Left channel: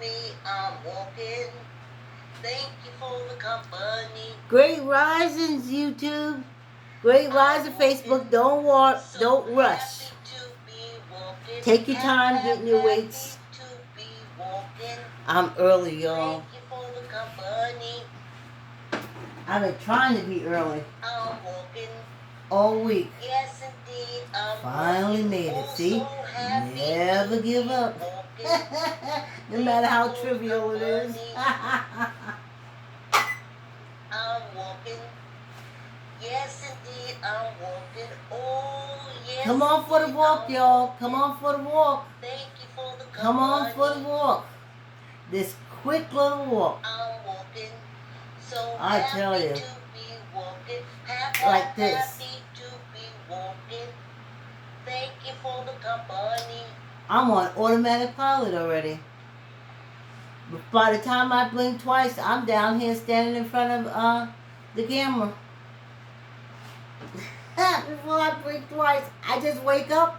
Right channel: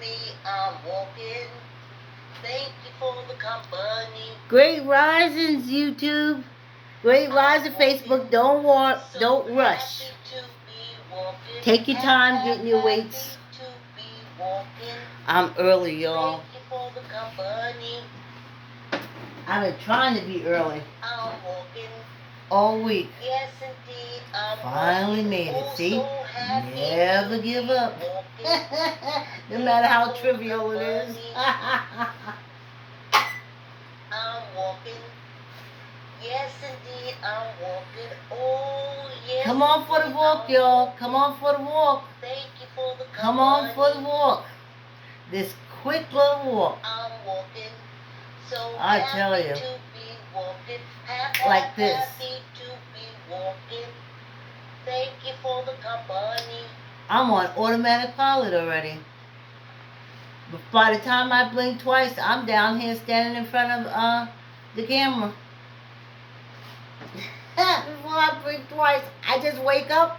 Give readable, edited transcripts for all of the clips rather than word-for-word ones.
me, I'm walking. Thank you for the company. Great risings, YouTube. Great rising, Facebook. Don't rush. Take your time getting your weights. I'm early, y'all. I've been trying to be early all week. Finally made it. See? Never give up. No matter how trivial it is. Come on for the walk, y'all. Come on for the walk. Come on for the walk. This quick little walk. I tell you. Like this. I'm on automatic pilot already. By the time I blink twice, I'm down here standing in front of the camera. Before I blink twice, I just wake up,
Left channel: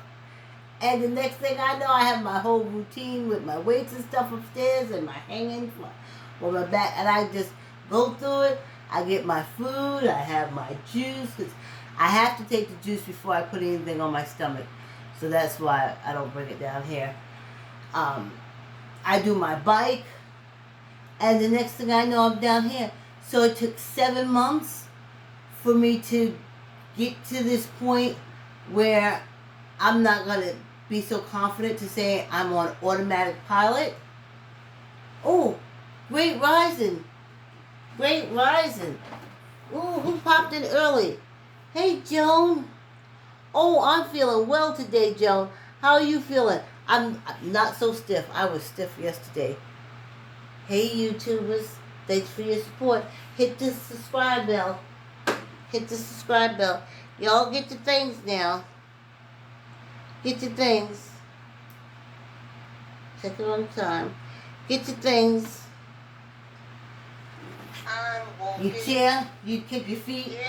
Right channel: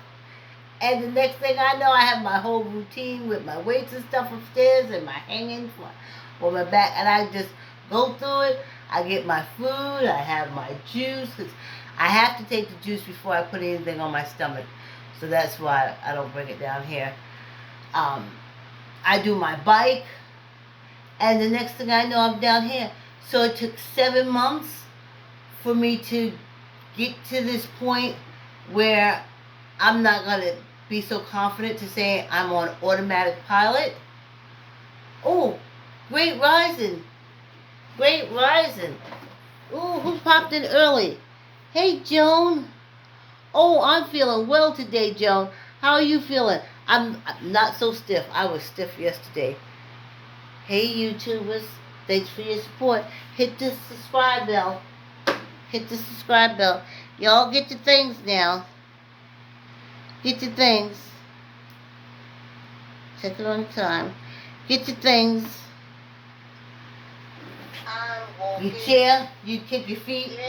and the next thing I know, I have my whole routine with my weights and stuff upstairs and my hanging for my back, and I just go through it. I get my food, I have my juice, 'cause I have to take the juice before I put anything on my stomach, so that's why I don't bring it down here. I do my bike, and the next thing I know, I'm down here. So it took 7 months for me to get to this point where I'm not going to be so confident to say I'm on automatic pilot. Oh, great rising. Great rising. Ooh, who popped in early? Hey, Joan. Oh, I'm feeling well today, Joan. How are you feeling? I'm not so stiff. I was stiff yesterday. Hey, YouTubers. Thanks for your support. Hit the subscribe bell. Hit the subscribe bell. Y'all get your things now. Get your things. Check it on time. Get your things. You chair. You kick your feet.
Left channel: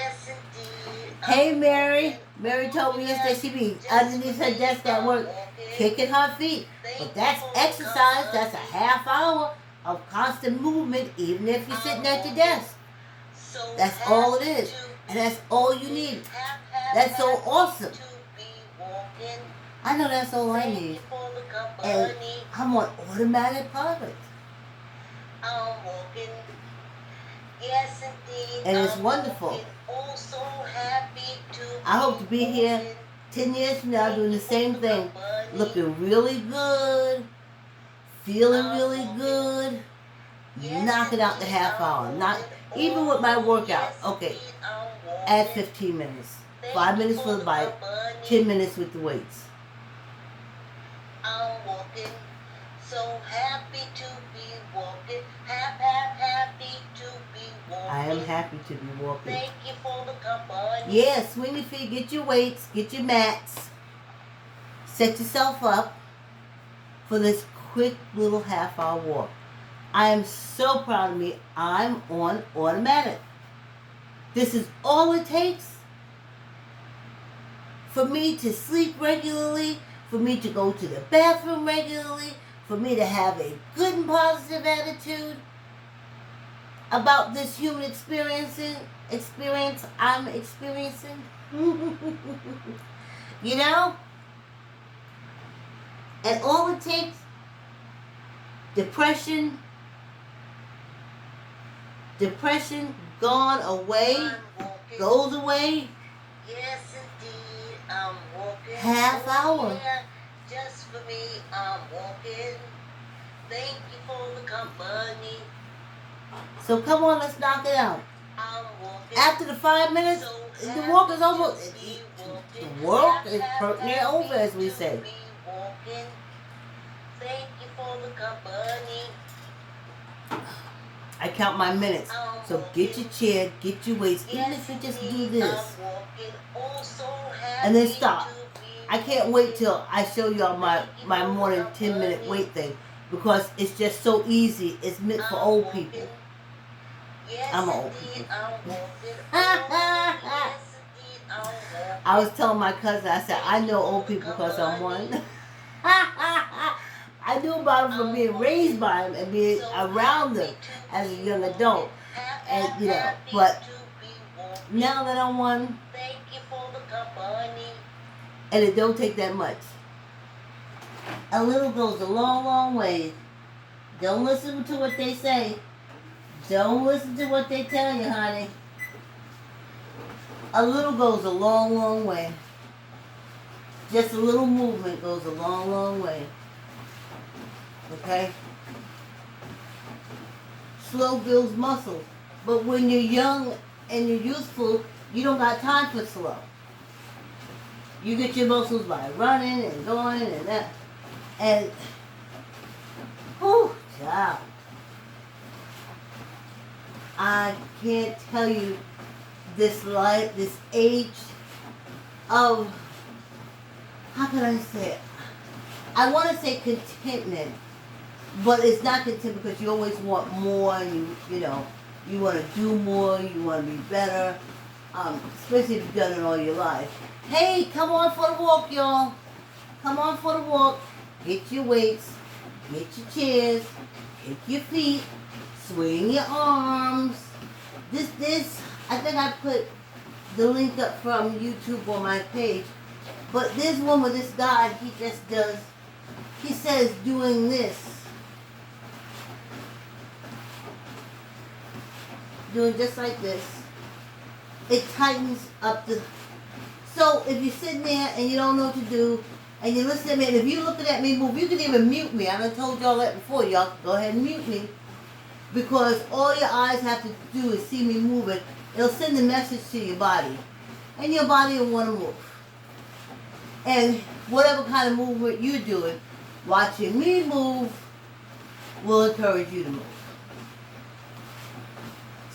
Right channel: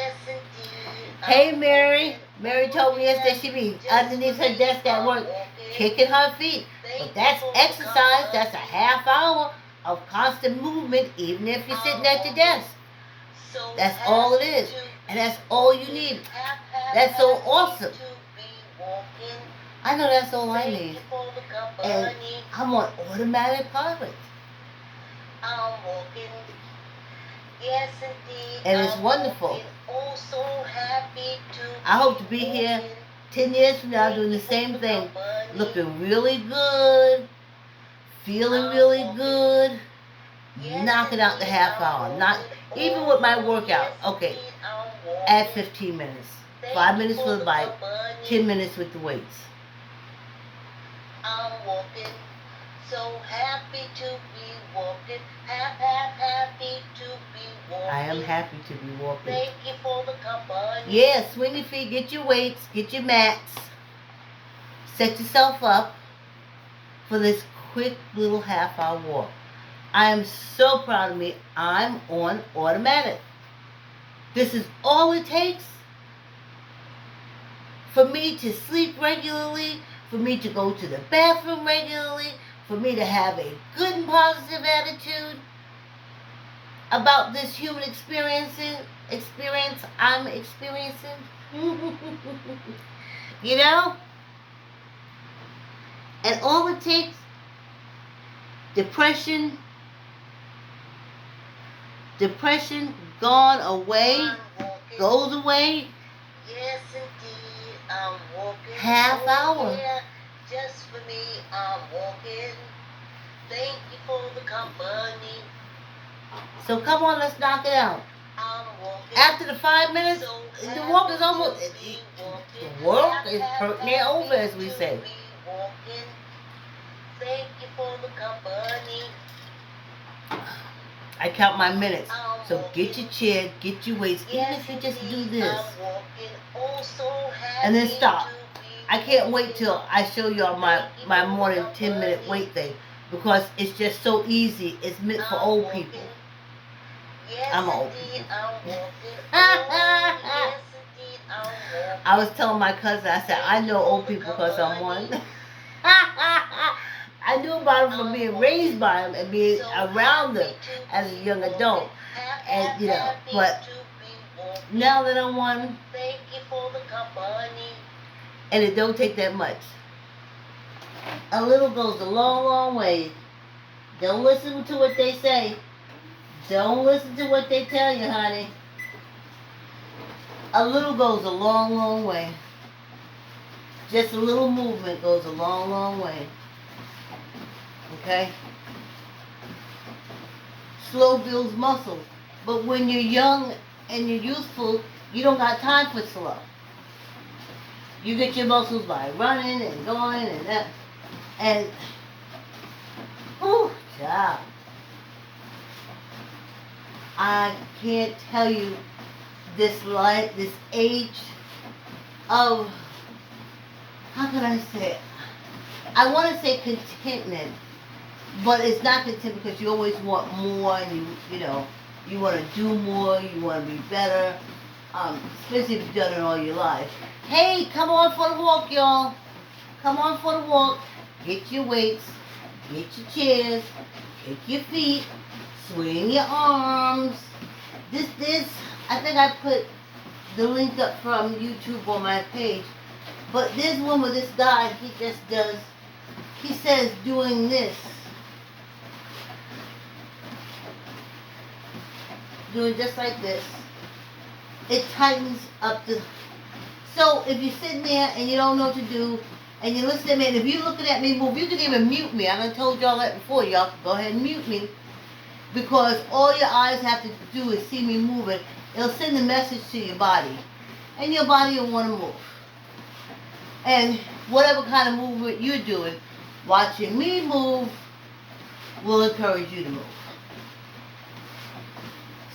Hey, Mary. Mary told me yesterday she'd be underneath her desk at work kicking her feet. But that's exercise. That's a half hour of constant movement, even if you're sitting at your desk. That's all it is. And that's all you need. That's so awesome. I know that's all I need. And I'm on automatic pilot. And it's wonderful. I hope to be here 10 years from now doing the same thing. Looking really good. Feeling really good. Knocking out the half hour. Not even with my workout. Okay. Add 15 minutes. 5 minutes for the bike. 10 minutes with the weights. I am happy to be walking. Yeah, swing your feet, get your weights, get your mats. Set yourself up for this quick little half hour walk. I am so proud of me. I'm on automatic. This is all it takes for me to sleep regularly, for me to go to the bathroom regularly, for me to have a good and positive attitude about this human experience I'm experiencing. You know? And all it takes, depression gone away, goes away. Yes, indeed, I'm walking. Half hour. Just for me, I'm walking. Thank you for the company. So come on, let's knock it out. After the 5 minutes, the walk is almost, the walk is near over, as we say. Thank you for the company. I count my minutes. So get your chair, get your weights, even if you just do this. And then stop. I can't wait till I show y'all my morning 10-minute weight thing, because it's just so easy. It's meant for old people. I'm old people. I was telling my cousin, I said, I know old people because I'm one. I knew about them from being raised by them and being around them as a young adult. And, you know, but now that I'm one, Thank you for the company. and it don't take that much. A little goes a long, long way. Don't listen to what they say. Don't listen to what they tell you, honey. A little goes a long, long way. Just a little movement goes a long, long way. Okay? Slow builds muscle. But when you're young and you're youthful, you don't got time for slow. You get your muscles by running and going and that. And, whew, child. I can't tell you this life, this age of, how can I say it? I want to say contentment, but it's not contentment because you always want more and you know, you want to do more, you want to be better, especially if you've done it all your life. Hey, come on for the walk, y'all. Come on for the walk. Get your weights, get your chairs, kick your feet, swing your arms. This, I think I put the link up from YouTube on my page. But there's one with this guy, he just does, he says doing this. Doing just like this. It tightens up the, so if you're sitting there and you don't know what to do, and you listen to me, and if you're looking at me move, you can even mute me. I done told y'all that before. Y'all can go ahead and mute me. Because all your eyes have to do is see me moving. It'll send a message to your body. And your body will want to move. And whatever kind of movement you're doing, watching me move will encourage you to move.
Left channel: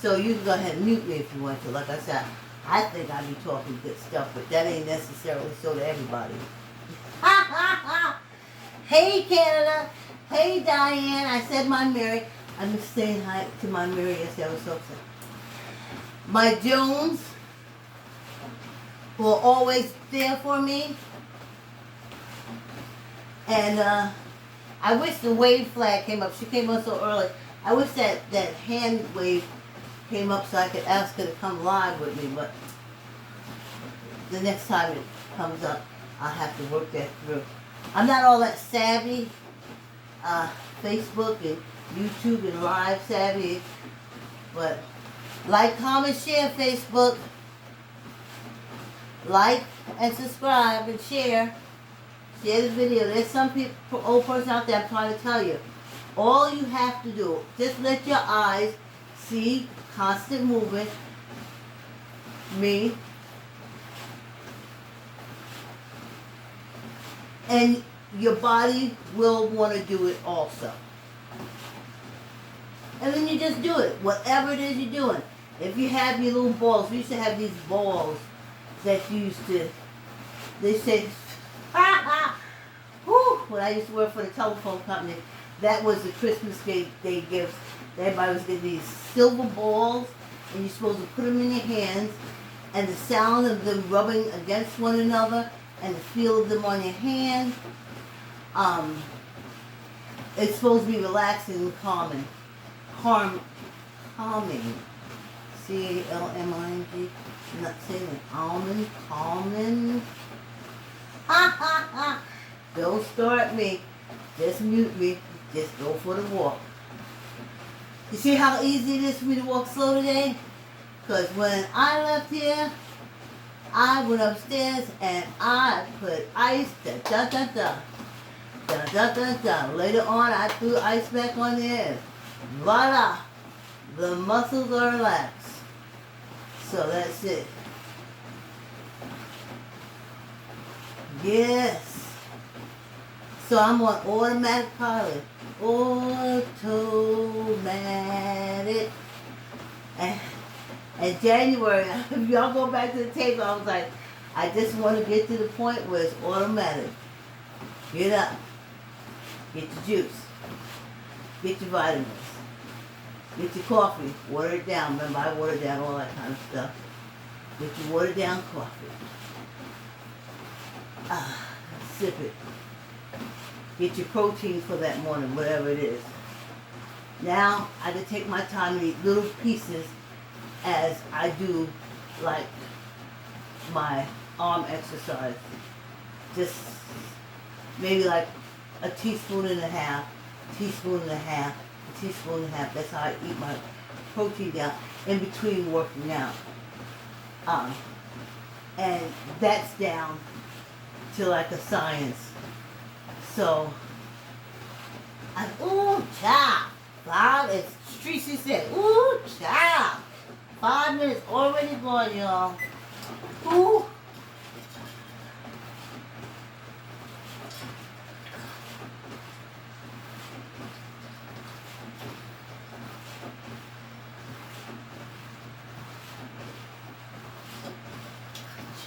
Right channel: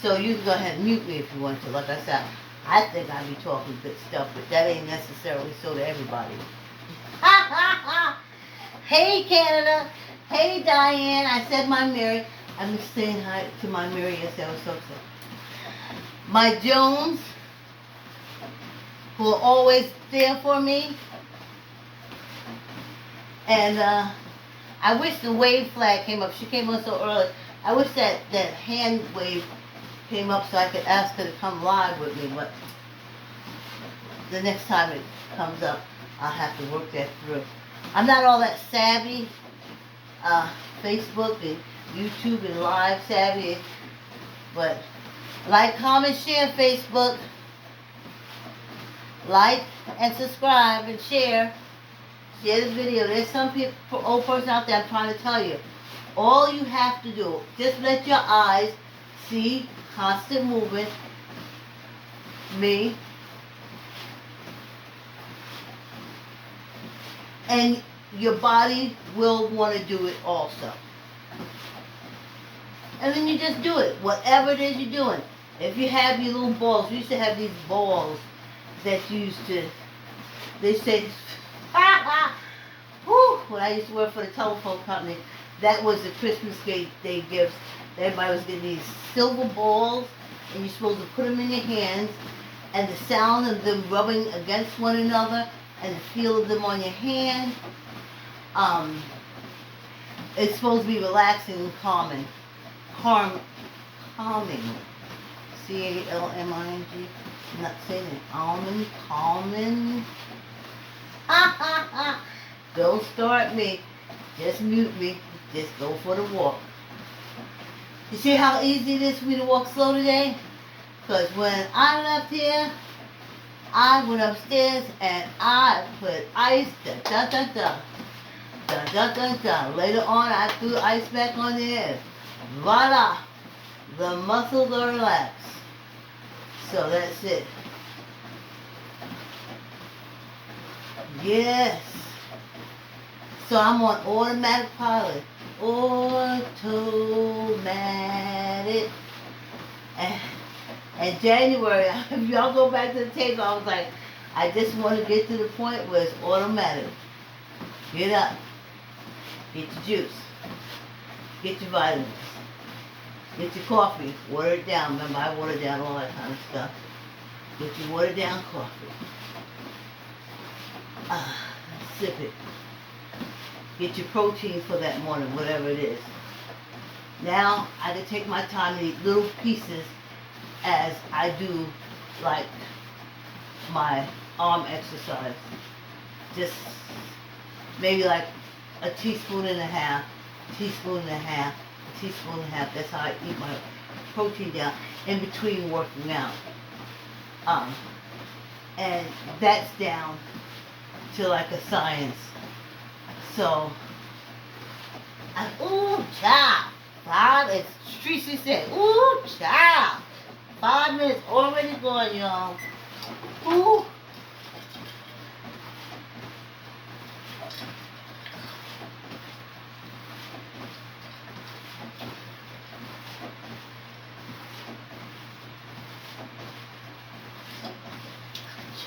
So you can go ahead and mute me if you want to. Like I said, I think I be talking good stuff, but that ain't necessarily so to everybody. Hey Canada. Hey Diane. I said my Mary. I'm saying hi to my Mary. Yes, I was so upset. My Jones, who are always there for me. And I wish the wave flag came up. She came up so early. I wish that hand wave came up so I could ask her to come live with me. But the next time it comes up, I'll have to work that through. I'm not all that savvy, Facebook and YouTube and live savvy, but like, comment, share Facebook, like and subscribe and share this video. There's some people, old person out there, I'm trying to tell you, all you have to do, just let your eyes see constant movement, me, and your body will want to do it also. And then you just do it, whatever it is you're doing. If you have your little balls, we used to have these balls that used to, they say, whew, when I used to work for the telephone company, that was the Christmas Day gifts. Everybody was getting these silver balls, and you're supposed to put them in your hands, and the sound of them rubbing against one another, and the feel of them on your hand, it's supposed to be relaxing and calming. Calming. C-A-L-M-I-N-G. I'm not saying it. Calming. Don't start me. Just mute me. Just go for the walk. You see how easy it is for me to walk slow today? Because when I left here, I went upstairs and I put ice, Later on, I threw ice back on there. Voila! The muscles are relaxed. So that's it. Yes. So I'm on automatic pilot. Automatic. And January, if y'all go back to the tape, I was like, I just want to get to the point where it's automatic. Get up. Get your juice. Get your vitamins. Get your coffee. Water it down. Remember, I water down all that kind of stuff. Get your watered down coffee. Sip it. get your protein for that morning, whatever it is. Now I can take my time to eat little pieces as I do like my arm exercise. Just maybe like a teaspoon and a half, teaspoon and a half, a teaspoon and a half. That's how I eat my protein down in between working out. And that's down to like a science. So, ooh, child. 5, as Tracy said, ooh, child. 5 minutes already gone, y'all. Ooh.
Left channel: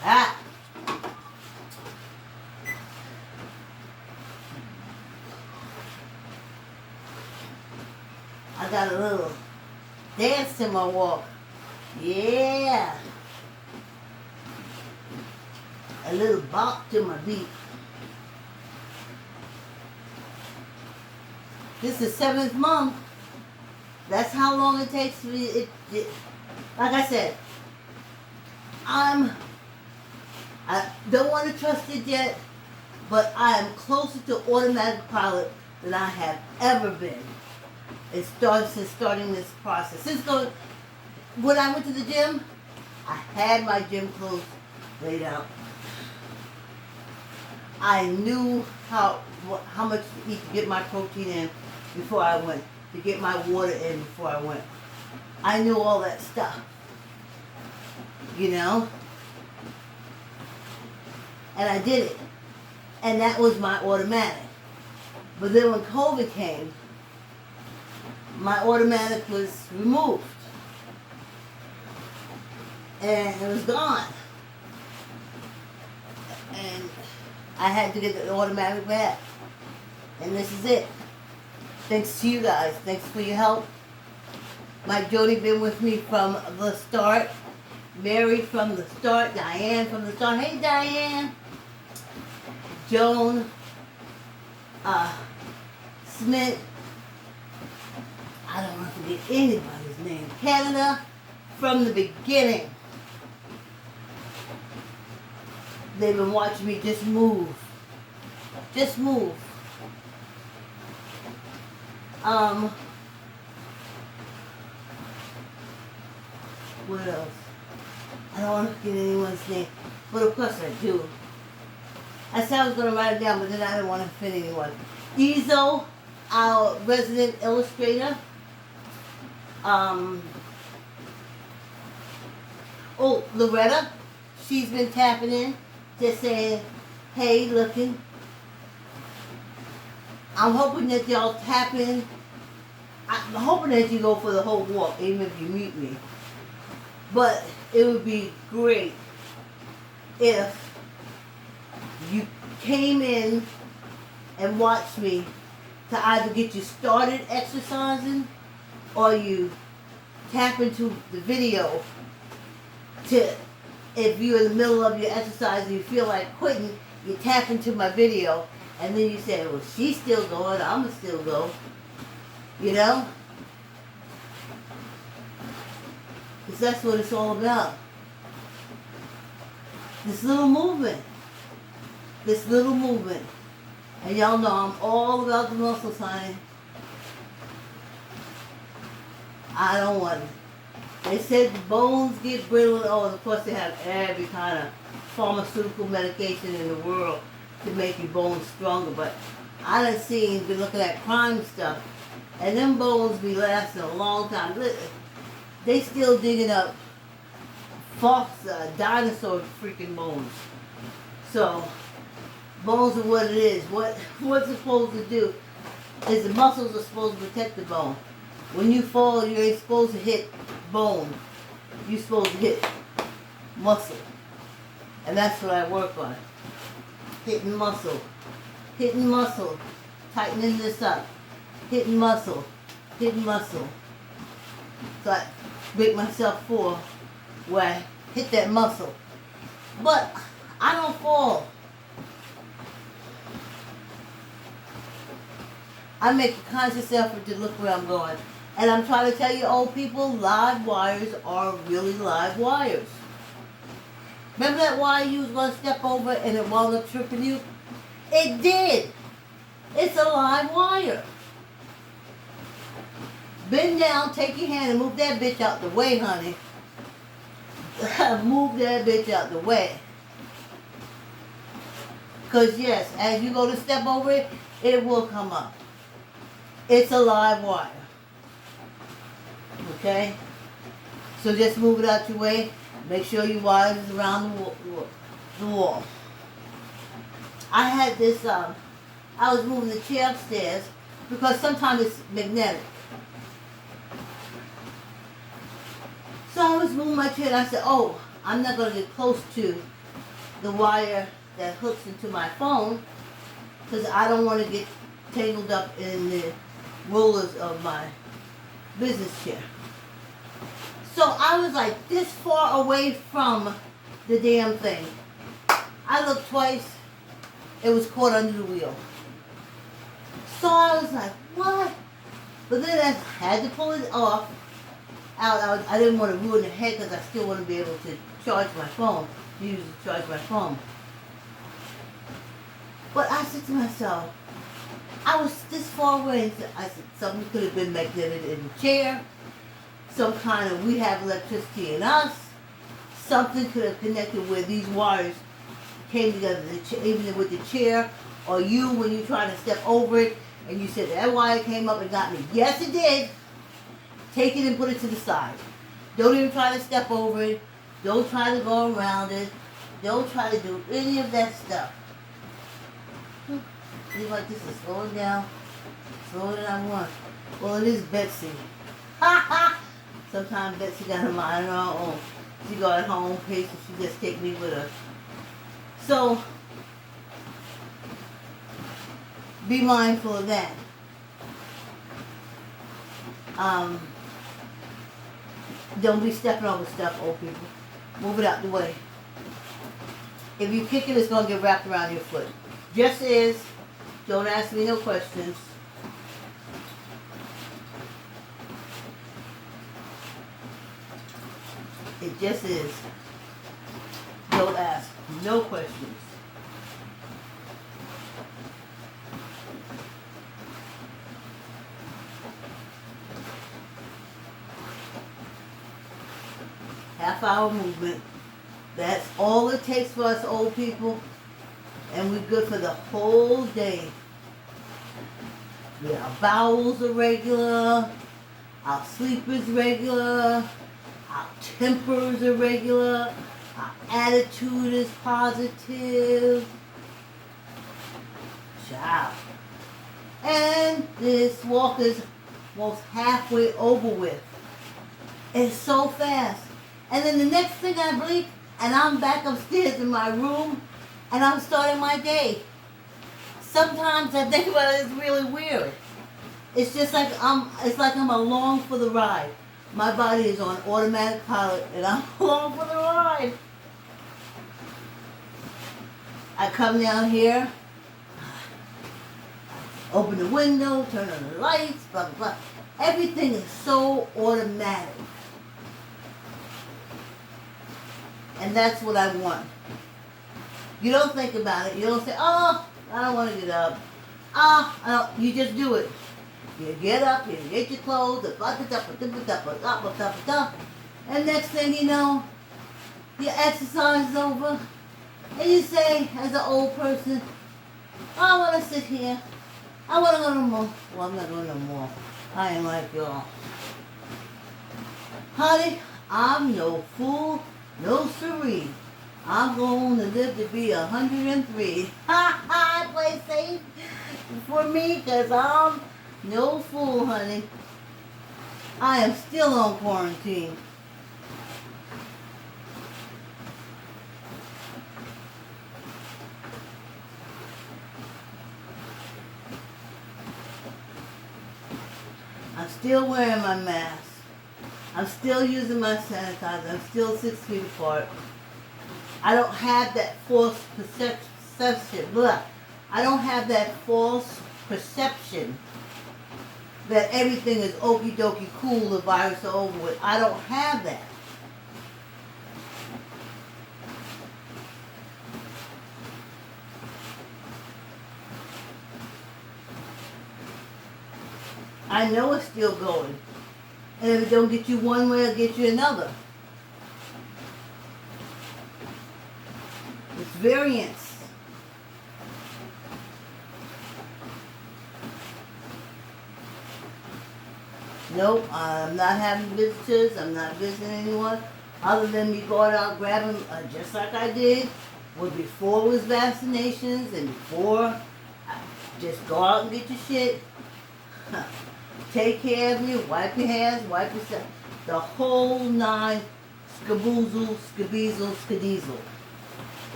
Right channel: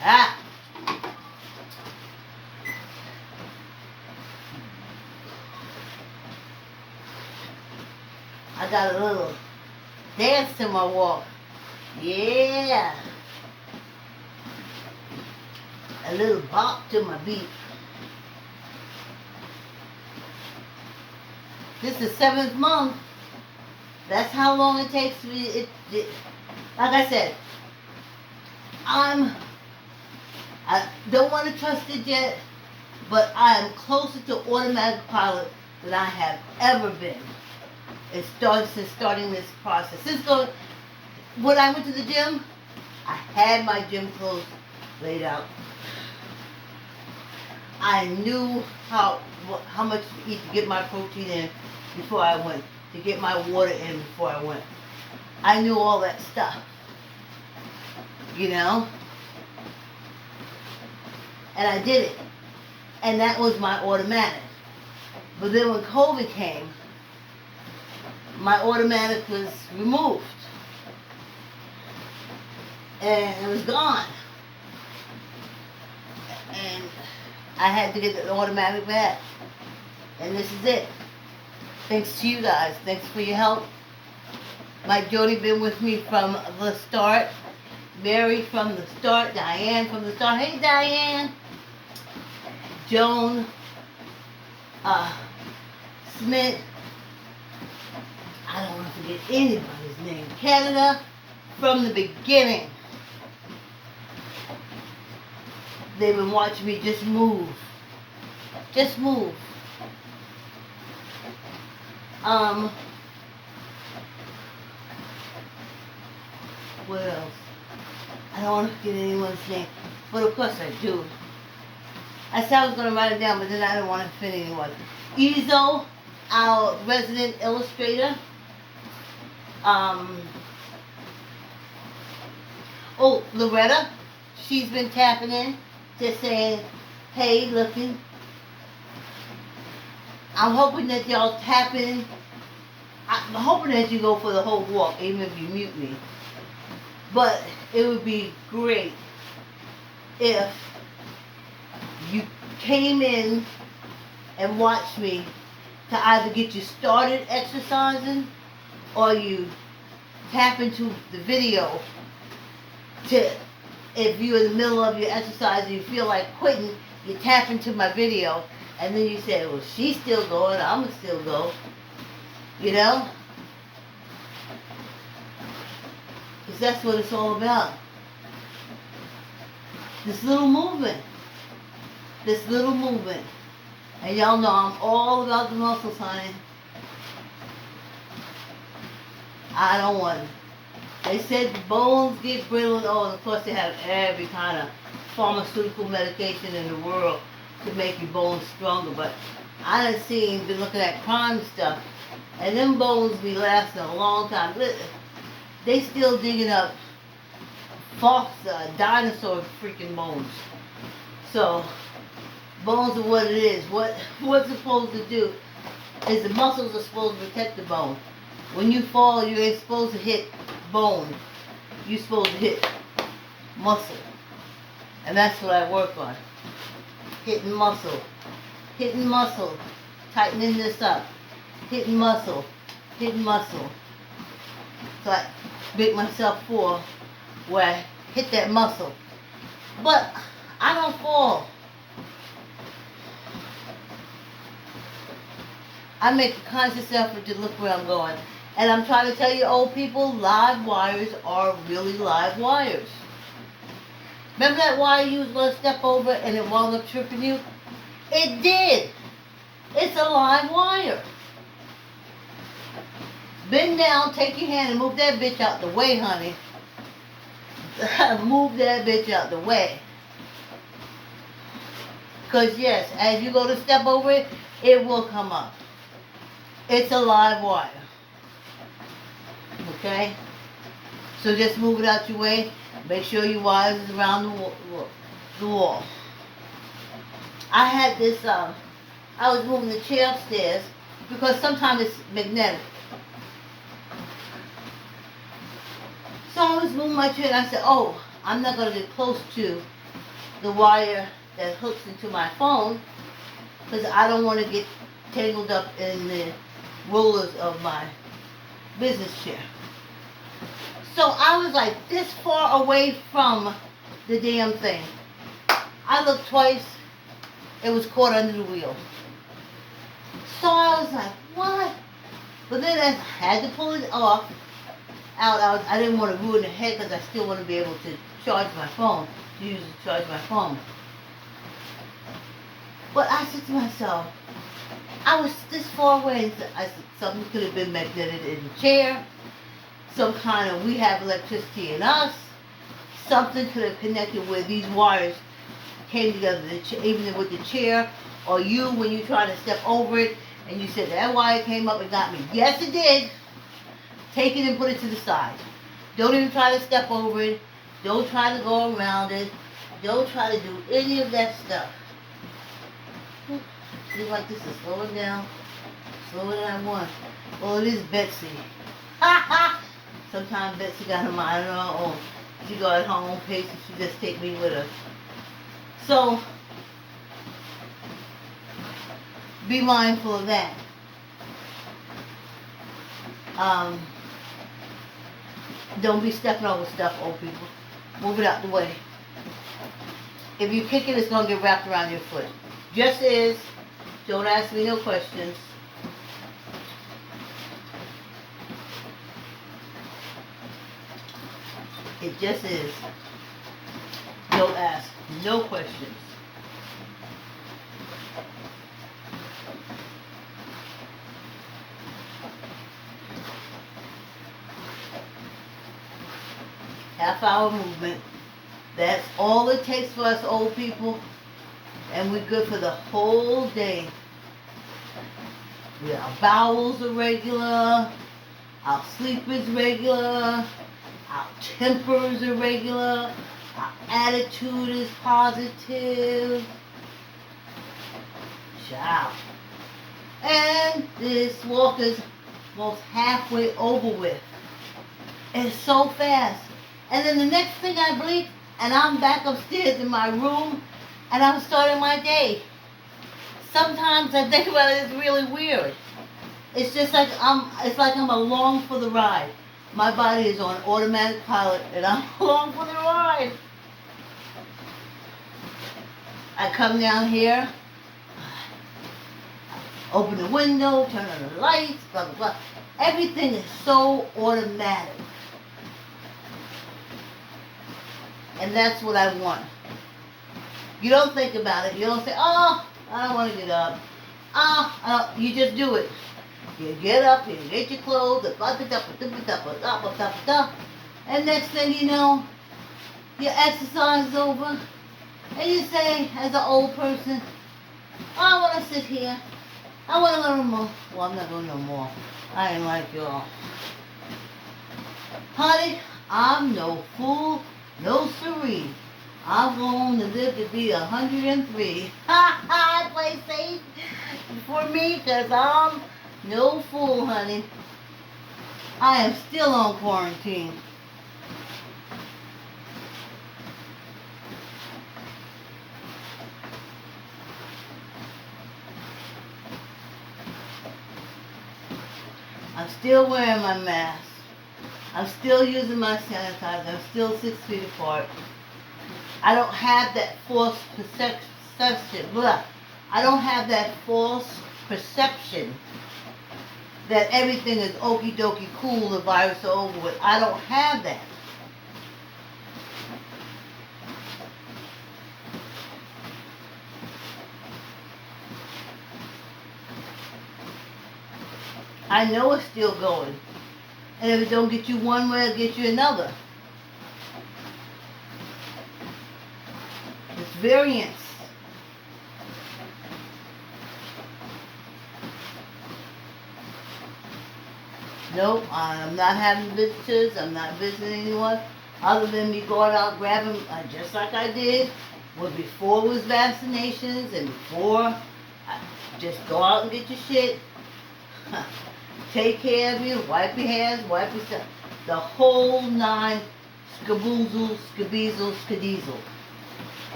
Child. I got a little dance to my walk. Yeah. A little bop to my beat. This is 7th month. That's how long it takes me. Like I said, I don't want to trust it yet, but I am closer to automatic pilot than I have ever been. It starts since starting this process. When I went to the gym, I had my gym clothes laid out. I knew how much to eat to get my protein in before I went, to get my water in before I went. I knew all that stuff, you know? And I did it. And that was my automatic. But then when COVID came, my automatic was removed. And it was gone. And I had to get the automatic back. And this is it. Thanks to you guys. Thanks for your help. Mike Jody been with me from the start. Mary from the start. Diane from the start. Hey, Diane. Joan. Smith. I don't want to forget anybody's name. Canada from the beginning. They've been watching me just move. Just move. What else? I don't want to forget anyone's name. But of course I do. I said I was going to write it down, but then I didn't want to offend anyone. Izo, our resident illustrator. Loretta, she's been tapping in, just saying, hey, looking. I'm hoping that y'all tap in. I'm hoping that you go for the whole walk, even if you mute me. But it would be great if you came in and watched me to either get you started exercising or you tap into the video to, if you're in the middle of your exercise and you feel like quitting, you tap into my video and then you say, well, she's still going, I'm going to still go. You know? Because that's what it's all about. This little movement. This little movement. And y'all know I'm all about the muscles, honey. I don't want it. They said the bones get brittle. Oh, of course they have every kind of pharmaceutical medication in the world to make your bones stronger. But I done been looking at crime stuff. And them bones be lasting a long time. They still digging up dinosaur freaking bones. So, bones are what it is. What's it supposed to do is the muscles are supposed to protect the bone. When you fall, you ain't supposed to hit bone. You're supposed to hit muscle. And that's what I work on. Hitting muscle. Hitting muscle. Tightening this up. Hitting muscle. Hitting muscle. So I make myself fall where I hit that muscle. But I don't fall. I make a conscious effort to look where I'm going. And I'm trying to tell you old people, live wires are really live wires. Remember that wire you was going to step over and it wound up tripping you? It did. It's a live wire. Bend down, take your hand and move that bitch out the way, honey. Move that bitch out the way. Because yes, as you go to step over it, it will come up. It's a live wire. Okay? So just move it out your way. Make sure your wire is around the wall. I had this, I was moving the chair upstairs because sometimes it's magnetic. So I was moving my chair and I said, oh, I'm not going to get close to the wire that hooks into my phone because I don't want to get tangled up in the rollers of my business chair. So I was like this far away from the damn thing. I looked twice. It was caught under the wheel. So I was like, what? But then I had to pull it off. I didn't want to ruin the head because I still want to be able to charge my phone. Use it to charge my phone. But I said to myself, I was this far away. And I said, something could have been magnetic in the chair. Some kind of, we have electricity in us. Something could have connected where these wires came together, even with the chair, or you when you try to step over it, and you said that wire came up and got me. Yes, it did. Take it and put it to the side. Don't even try to step over it. Don't try to go around it. Don't try to do any of that stuff. Seems like this is slowing down. Slower than I want. Well, it is Betsy. Ha ha! Sometimes Betsy got her mind on her own. She go at her own pace and she just take me with her. So, be mindful of that. Don't be stepping over stuff, old people. Move it out the way. If you kick it, it's going to get wrapped around your foot. Just is. Don't ask me no questions. It just is. Don't ask no questions. Half-hour movement. That's all it takes for us old people. And we're good for the whole day. Our bowels are regular. Our sleep is regular. Our tempers are regular. Our attitude is positive. Ciao. And this walk is almost halfway over with. It's so fast. And then the next thing I blink, and I'm back upstairs in my room, and I'm starting my day. Sometimes I think about it, it's really weird. It's just like I'm along for the ride. My body is on automatic pilot, and I'm along for the ride. I come down here, open the window, turn on the lights, blah, blah, blah. Everything is so automatic. And that's what I want. You don't think about it. You don't say, oh, I don't want to get up. You just do it. You get up, you get your clothes, and next thing you know, your exercise is over, and you say, as an old person, oh, I want to sit here. I want to learn more. Well, I'm not going no more. I ain't like y'all. Honey, I'm no fool. No siree. I'm going to live to be 103. Ha ha! I play safe for me because I'm no fool, honey. I am still on quarantine. I'm still wearing my mask. I'm still using my sanitizer. I'm still 6 feet apart. I don't have that false perception. Blah. I don't have that false perception that everything is okie dokie cool, the virus is over with. I don't have that. I know it's still going. And if it don't get you one way, it'll get you another. It's variants. Nope, I'm not having visitors. I'm not visiting anyone other than me going out grabbing, just like I did before it was vaccinations and before. Just go out and get your shit. Take care of you. Wipe your hands. Wipe yourself. The whole nine skaboozle, skabeezle, skadiesel.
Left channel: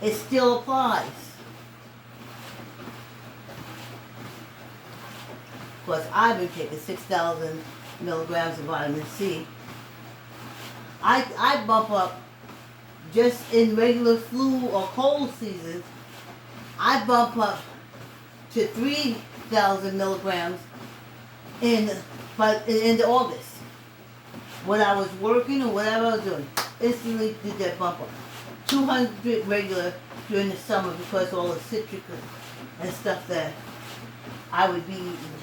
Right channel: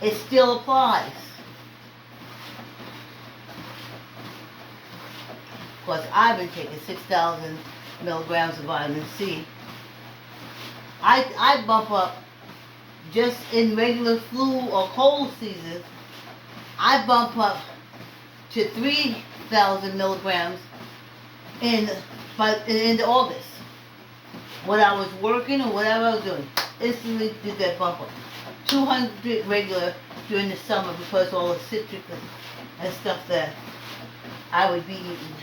It still applies. Of course, I've been taking 6,000 milligrams of vitamin C. I bump up just in regular flu or cold seasons. I bump up to 3,000 milligrams in August. When I was working or whatever I was doing, instantly did that bump up. 200 regular during the summer because all the citric and stuff that I would be eating.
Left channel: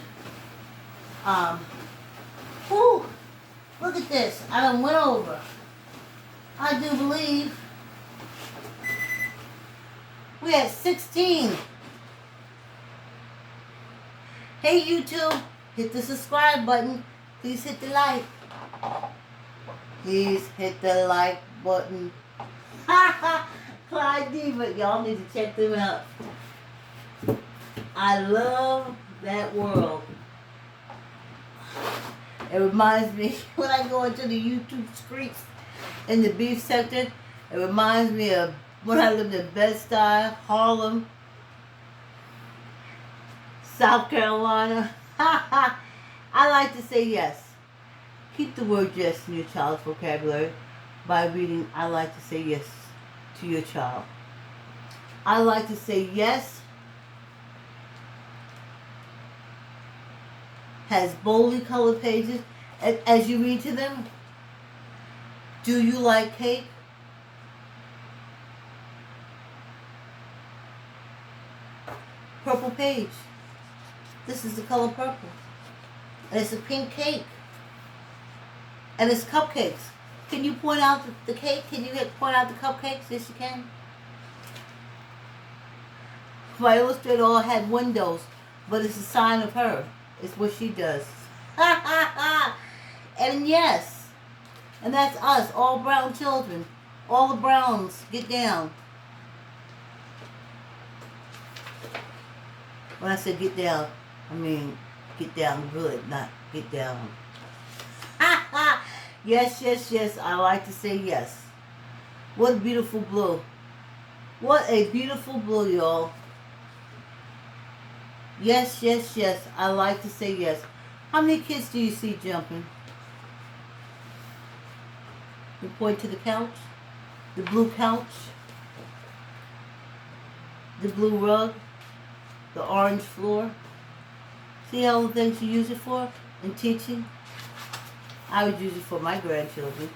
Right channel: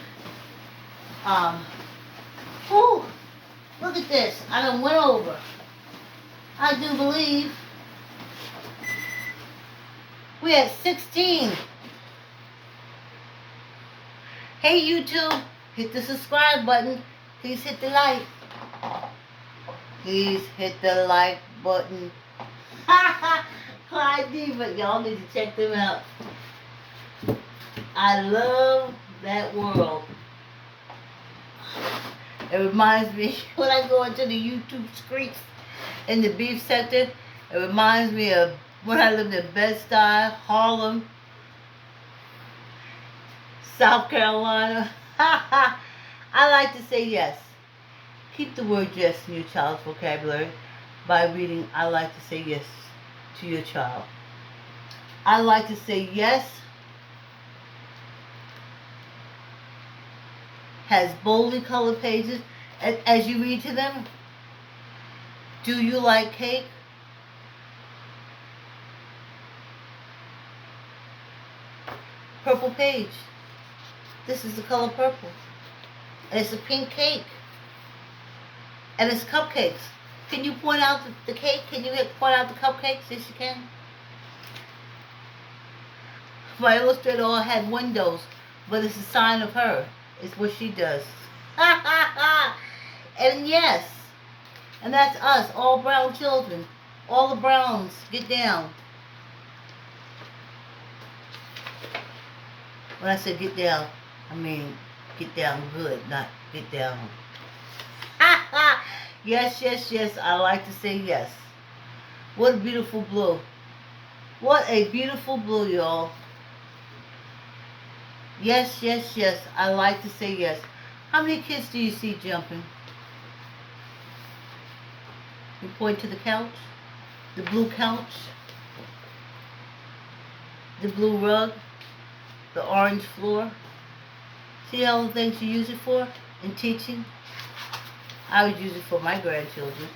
Whew, look at this. I done went over. I do believe we had 16. Hey YouTube, hit the subscribe button. Please hit the like. Please hit the like button. Clyde Diva, y'all need to check them out. I love that world. It reminds me, when I go into the YouTube streets in the beef sector, it reminds me of when I lived in Bed-Stuy, Harlem, South Carolina. I like to say yes. Keep the word yes in your child's vocabulary by reading I like to say yes to your child. I like to say yes has boldly colored pages. As you read to them, do you like cake? Purple page. This is the color purple. And it's a pink cake. And it's cupcakes. Can you point out the cake? Can you point out the cupcakes? Yes, you can. My illustrator had windows, but it's a sign of her. It's what she does. And yes, and that's us, all brown children. All the browns, get down. When I say get down, I mean get down good, not get down. Yes, yes, yes, I like to say yes. What a beautiful blue. What a beautiful blue, y'all. Yes, yes, yes, I like to say yes. How many kids do you see jumping? You point to the couch, the blue couch, the blue rug, the orange floor. See all the things you use it for in teaching? I would use it for my grandchildren.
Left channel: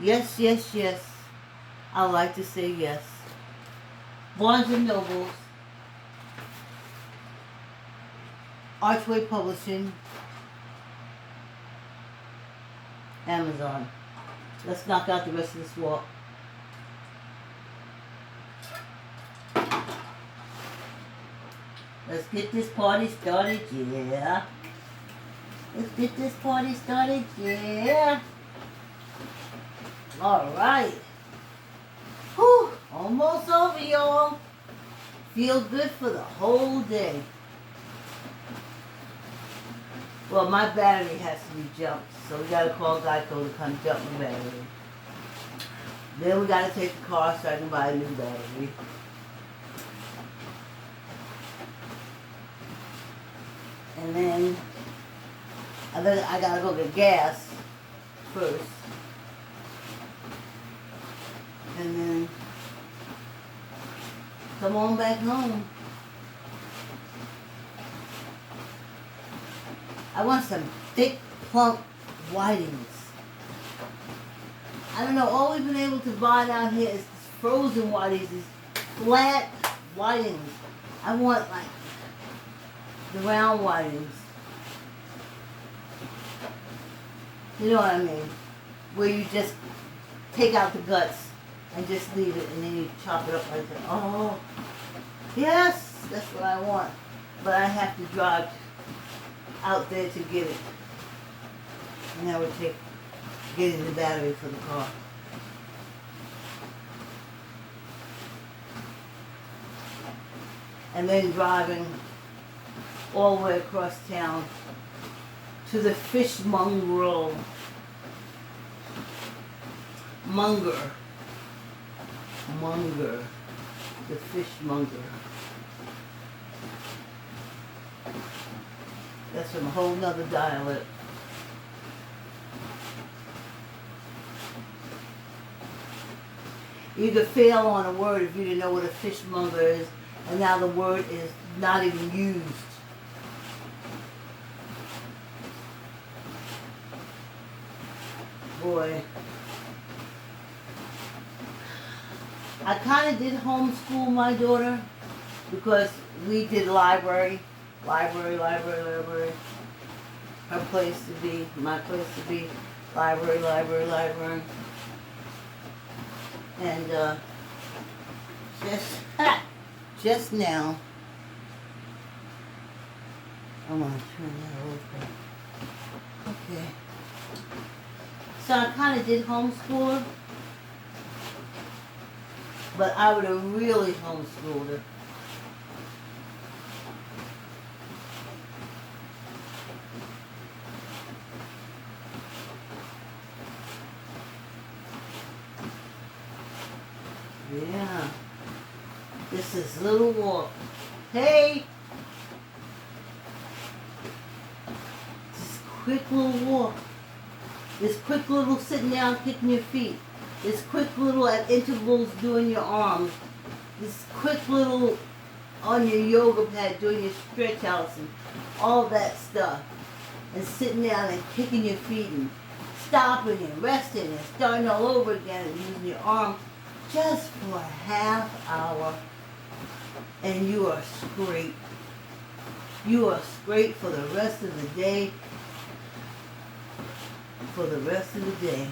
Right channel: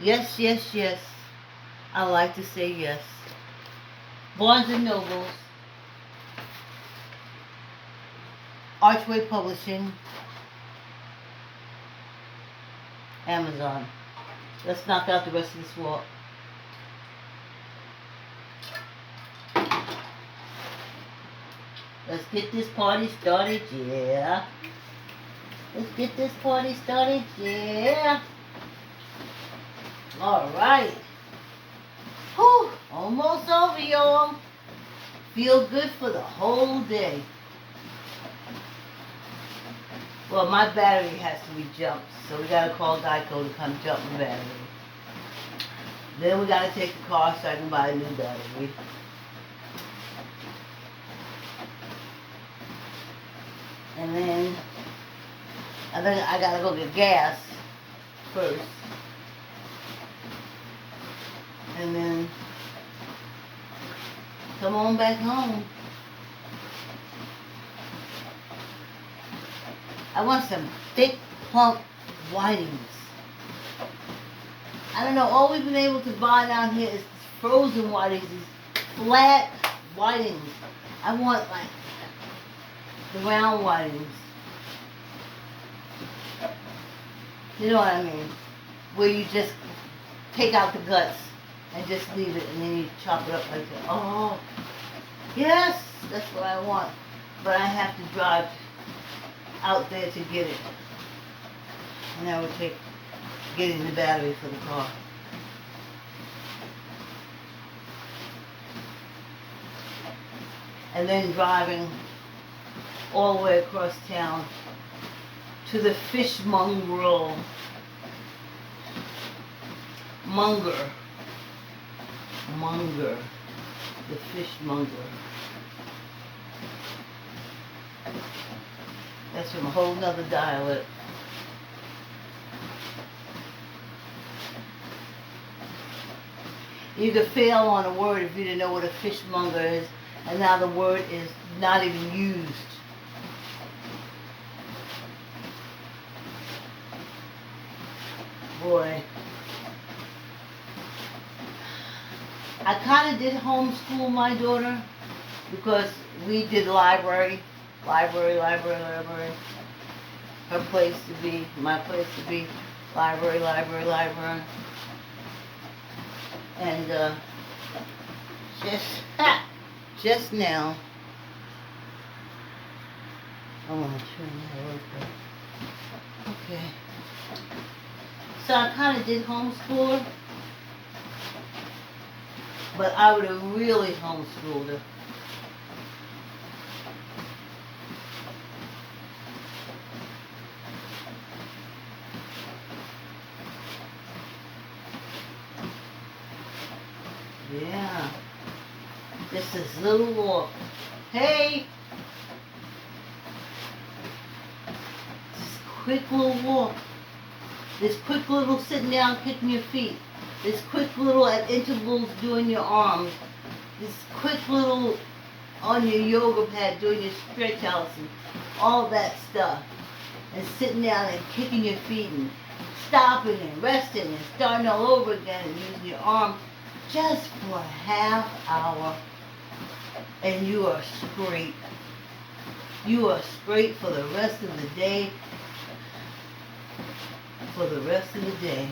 Yes, yes, yes. I like to say yes. Barnes and Nobles, Archway Publishing, Amazon. Let's knock out the rest of this walk. Let's get this party started, yeah. Let's get this party started, yeah. Alright. Whew, almost over, y'all. Feel good for the whole day. Well, my battery has to be jumped, so we gotta call Geico to come jump my battery. Then we gotta take the car so I can buy a new battery. And then I gotta go get gas first. And then come on back home. I want some thick, plump whitings. I don't know, all we've been able to buy down here is frozen whitings, these flat whitings. I want like the round whitings. You know what I mean? Where you just take out the guts and just leave it and then you chop it up like that. Oh, yes, that's what I want. But I have to drive out there to get it. And that would take getting the battery for the car. And then driving all the way across town to the fishmonger. Munger. The fishmonger. That's from a whole nother dialect. You could fail on a word if you didn't know what a fishmonger is, and now the word is not even used. Boy. I kind of did homeschool my daughter because we did library. Her place to be, my place to be, library. And just now, I'm gonna turn that over. Okay. So I kind of did homeschool her, but I would have really homeschooled her. Yeah. This is little walk. Hey! This quick little walk. This quick little sitting down kicking your feet. This quick little at intervals doing your arms. This quick little on your yoga pad doing your stretch outs and all that stuff. And sitting down and kicking your feet and stopping and resting and starting all over again and using your arms just for a half hour. And you are straight. You are straight for the rest of the day. For the rest of the day.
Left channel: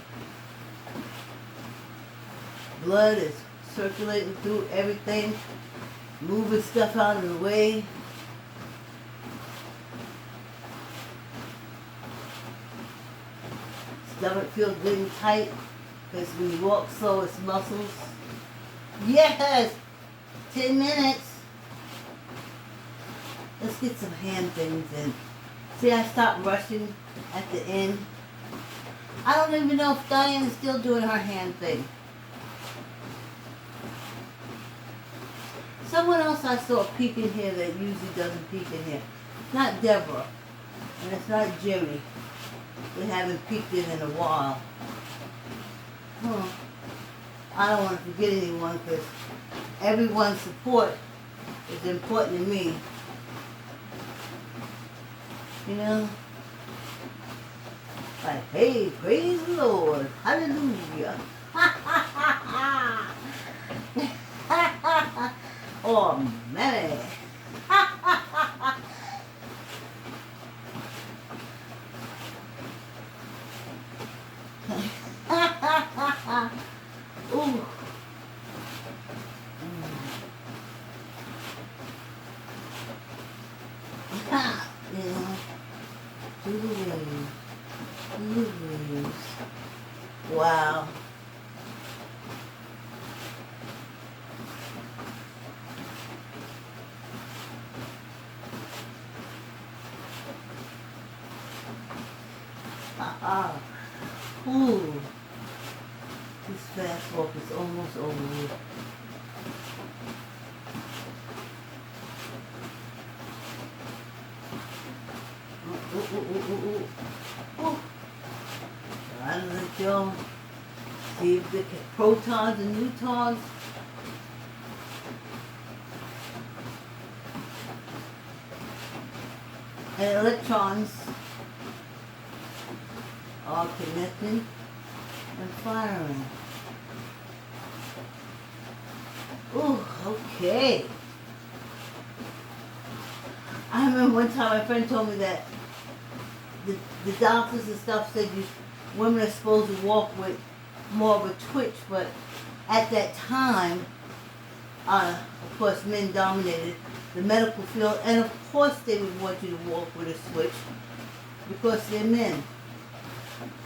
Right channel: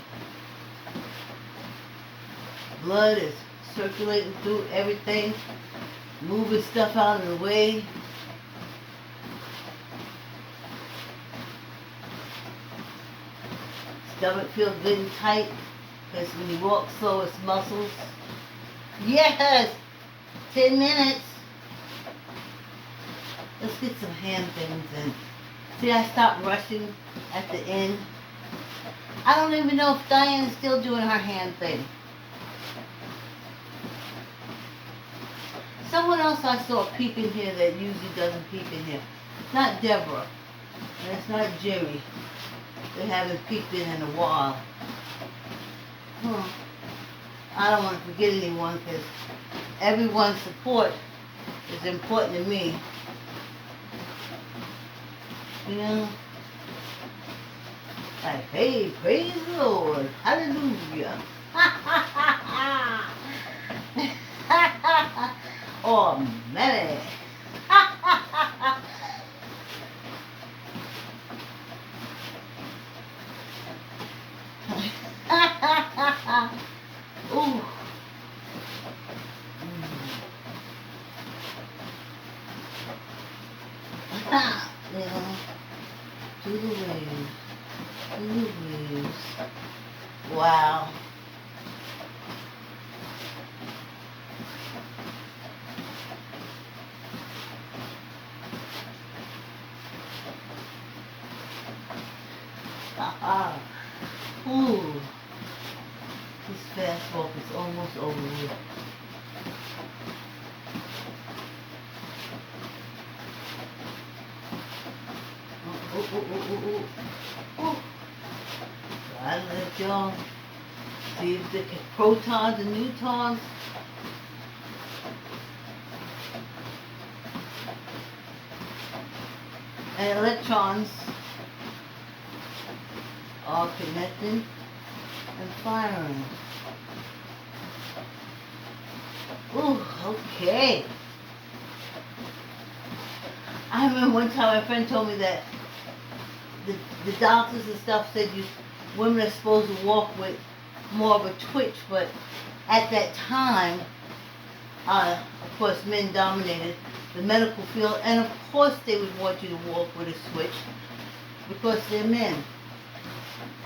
Blood is circulating through everything, moving stuff out of the way. Stomach feels good and tight because when you walk slow, it's muscles. Yes! 10 minutes. Let's get some hand things in. See, I stopped rushing at the end. I don't even know if Diane is still doing her hand thing. Someone else I saw peek in here that usually doesn't peek in here. It's not Deborah. And it's not Jimmy. They haven't peeked in a while. I don't want to forget anyone because everyone's support is important to me. You know? Like, hey, praise the Lord. Hallelujah. Oh, man. Ooh. You know, do the waves. Do the waves. Wow. Ooh. This fast walk is almost over with. I let y'all see if the protons and neutrons and electrons all connecting and firing. Ooh, okay. I remember one time my friend told me that the doctors and stuff said women are supposed to walk with more of a twitch, but at that time, of course, men dominated the medical field, and of course they would want you to walk with a switch because they're men.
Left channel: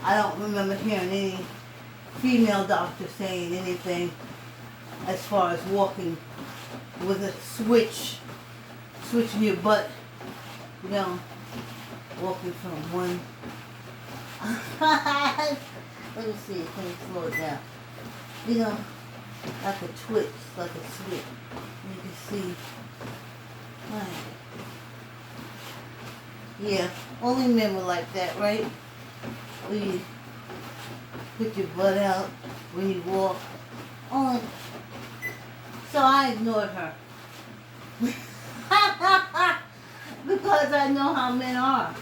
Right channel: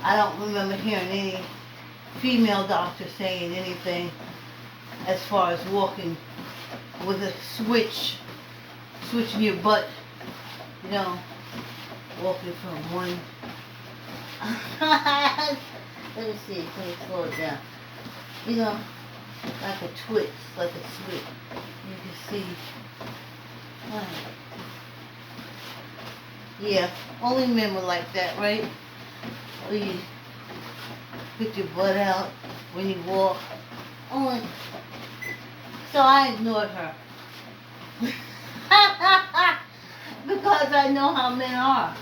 I don't remember hearing any female doctor saying anything as far as walking with a switching your butt, you know, walking from one. Let me see, can you slow it down? You know, like a twitch, like a switch. You can see. Right. Yeah, only men were like that, right? Where you put your butt out when you walk. Only. So I ignored her. Because I know how men are.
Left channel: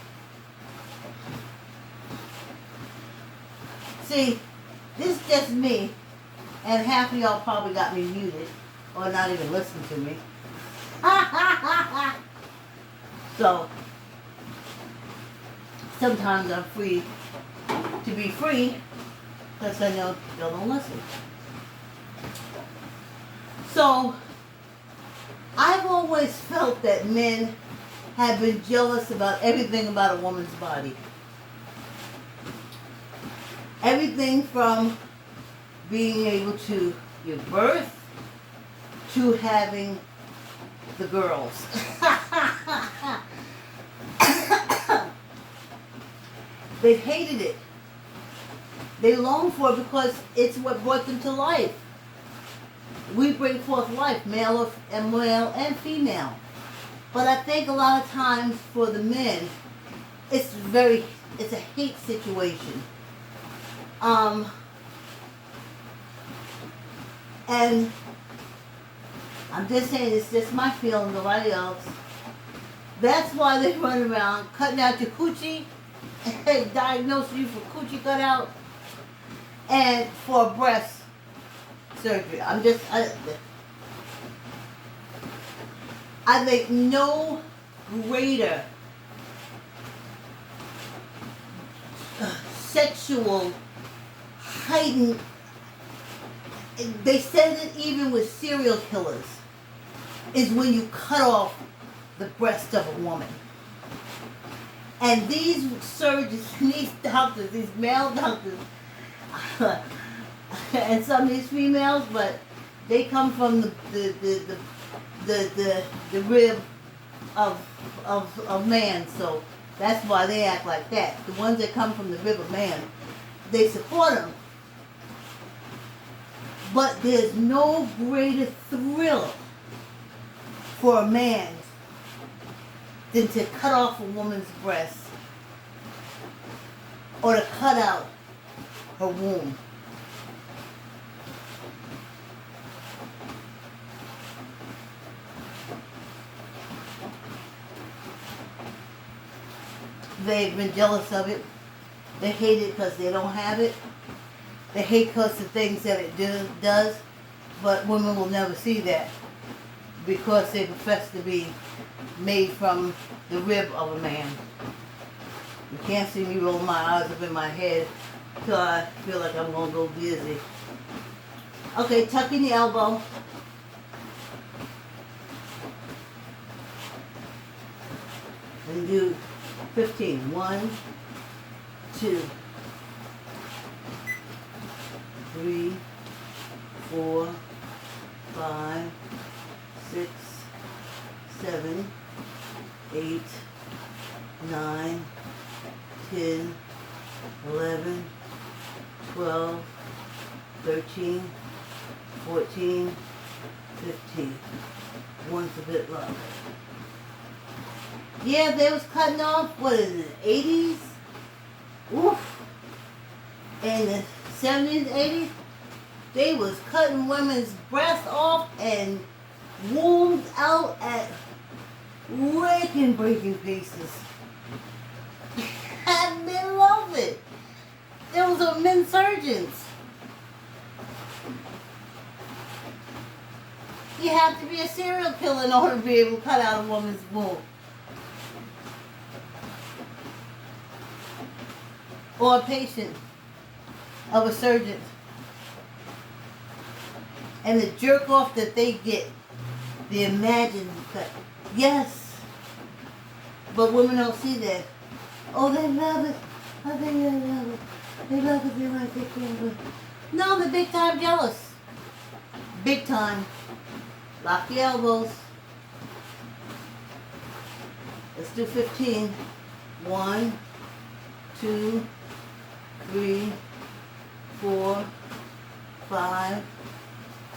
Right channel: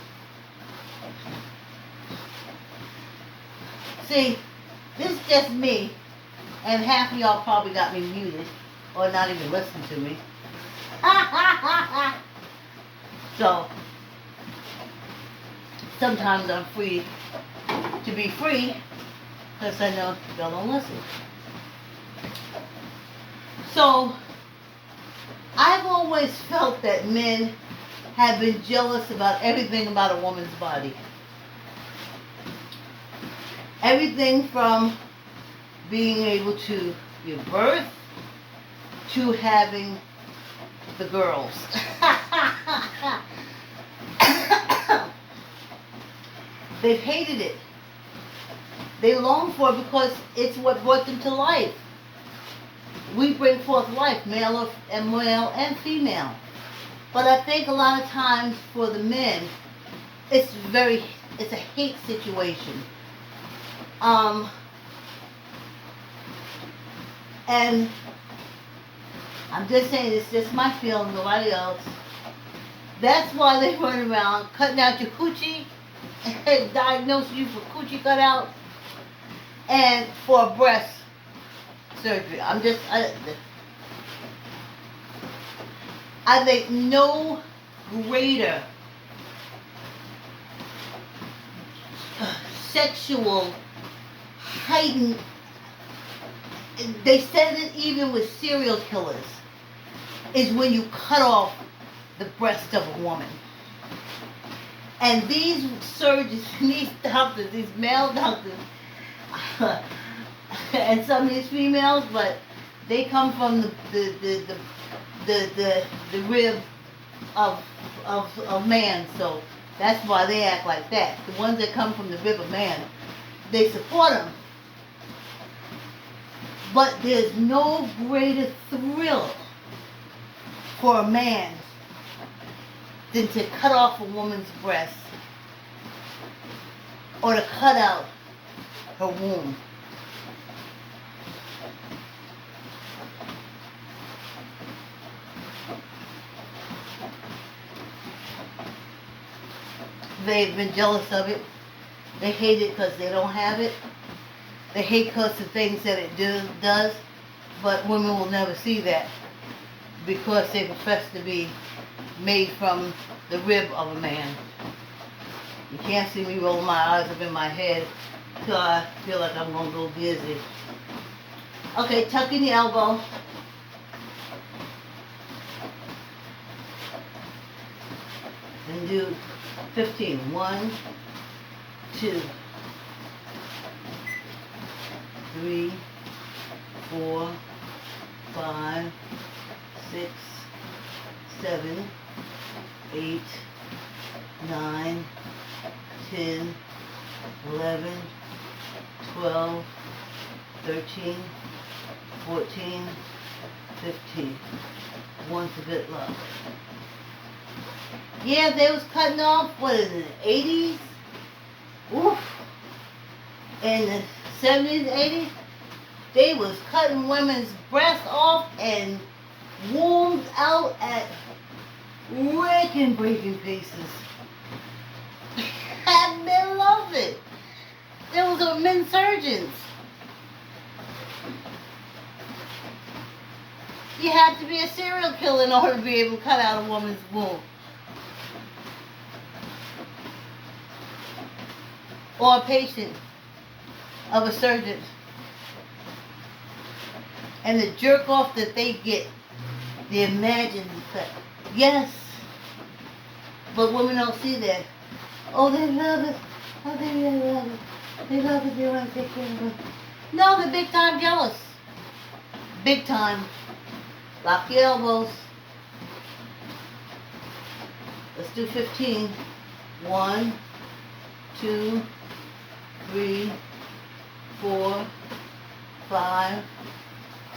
See, this is just me, and half of y'all probably got me muted, or not even listening to me. So, sometimes I'm free to be free, because I know y'all don't listen. So, I've always felt that men have been jealous about everything about a woman's body. Everything from being able to give birth to having the girls. They've hated it. They long for it because it's what brought them to life. We bring forth life, male and female. But I think a lot of times for the men, it's a hate situation. And I'm just saying, it's just my feeling, nobody else. That's why they run around cutting out your coochie, and diagnose you for coochie cutout, and for breast surgery. I think no greater sexual heightened, they said it even with serial killers, is when you cut off the breast of a woman. And these surgeons, these doctors, these male doctors, and some of these females, but they come from the rib of man, so that's why they act like that. The ones that come from the rib of man, they support them. But there's no greater thrill for a man than to cut off a woman's breast or to cut out her womb. They've been jealous of it. They hate it because they don't have it. They hate because of things that it does, but women will never see that because they profess to be made from the rib of a man. You can't see me roll my eyes up in my head till I feel like I'm going to go dizzy. Okay, tuck in the elbow. And do 15. 1, 2, 3, 4, 5, 6, 7, 8, 9, 10, 11, 12, 13, 14, 15. Once a bit luck. Yeah, they was cutting off, what is it, 80s? Oof. In the 70s, 80s, they was cutting women's breasts off and wombs out at breaking pieces. And they love it. with men surgeons. You have to be a serial killer in order to be able to cut out a woman's womb. Or a patient of a surgeon. And the jerk off that they get, the imagined effect. Yes. But women don't see that. Oh, they love it. Oh, they love it. They love it. They want to take care of it. No, they're big time jealous. Big time. Lock your elbows. Let's do 15. 1, 2, 3, 4, 5,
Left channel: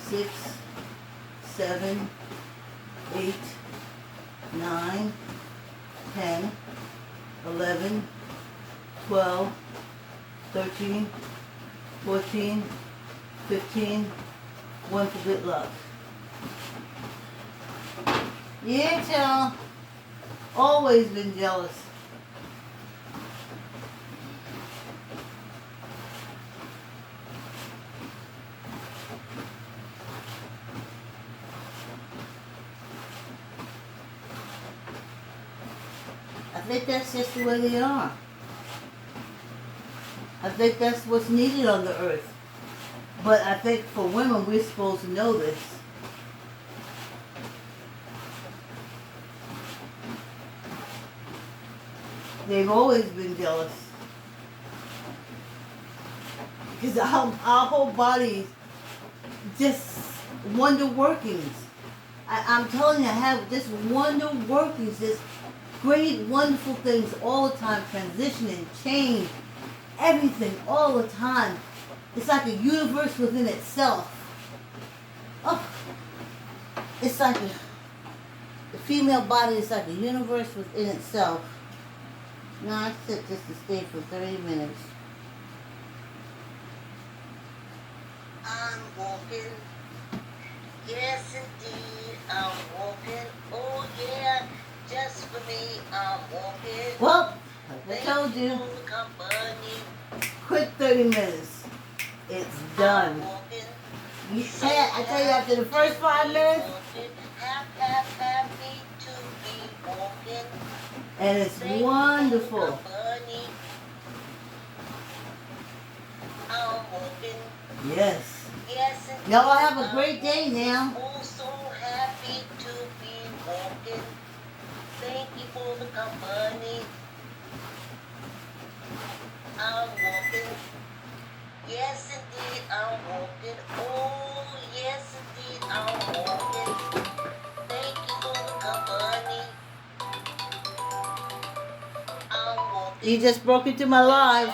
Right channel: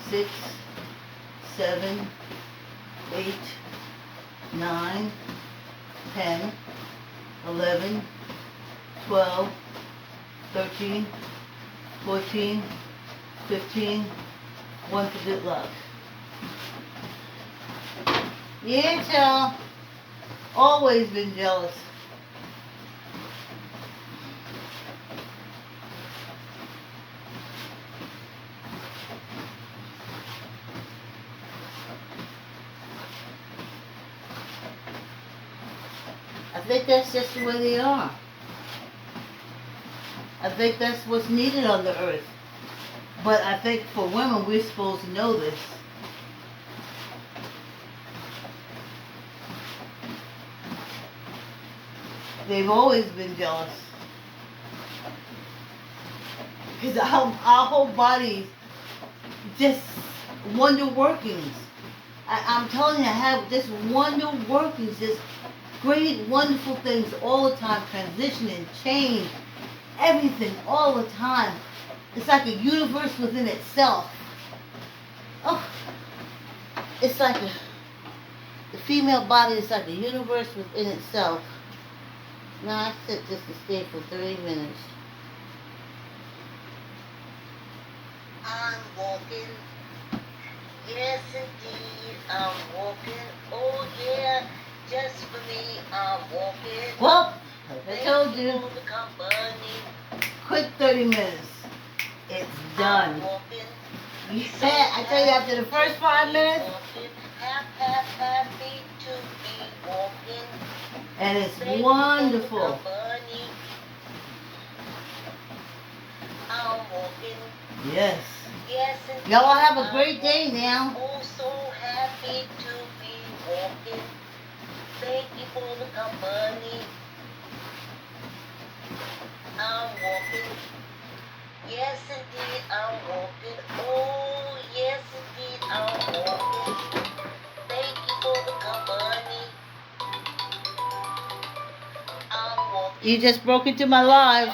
6, 7, 8, 9, 10, 11, 12, 13, 14, 15, 1 for good luck. Yeah, child. Always been jealous. I think that's just the way they are. I think that's what's needed on the earth. But I think for women, we're supposed to know this. They've always been jealous. Because our whole body just wonder workings. I'm telling you, I have just wonder workings, just great, wonderful things all the time, transitioning, change, everything all the time. It's like a universe within itself. Oh, it's like the female body is like a universe within itself. Now I sit just to stay for 30 minutes. I'm walking. Yes, indeed, I'm walking. Oh, yeah, just for me, I'm walking. Well, like I told you, Thank for the company. quick 30 minutes. It's done. Yeah, I tell you, after the first 5 minutes, Happy to be walking. and it's wonderful. I'm walking. Yes. Yes, Y'all have a great day now. oh, so happy to be walking. Thank you for the company. I'm walking. Yes, indeed, I'm walking. Oh, yes, indeed, I'm walking. Thank you for the company. I'm walking. You just broke into my live.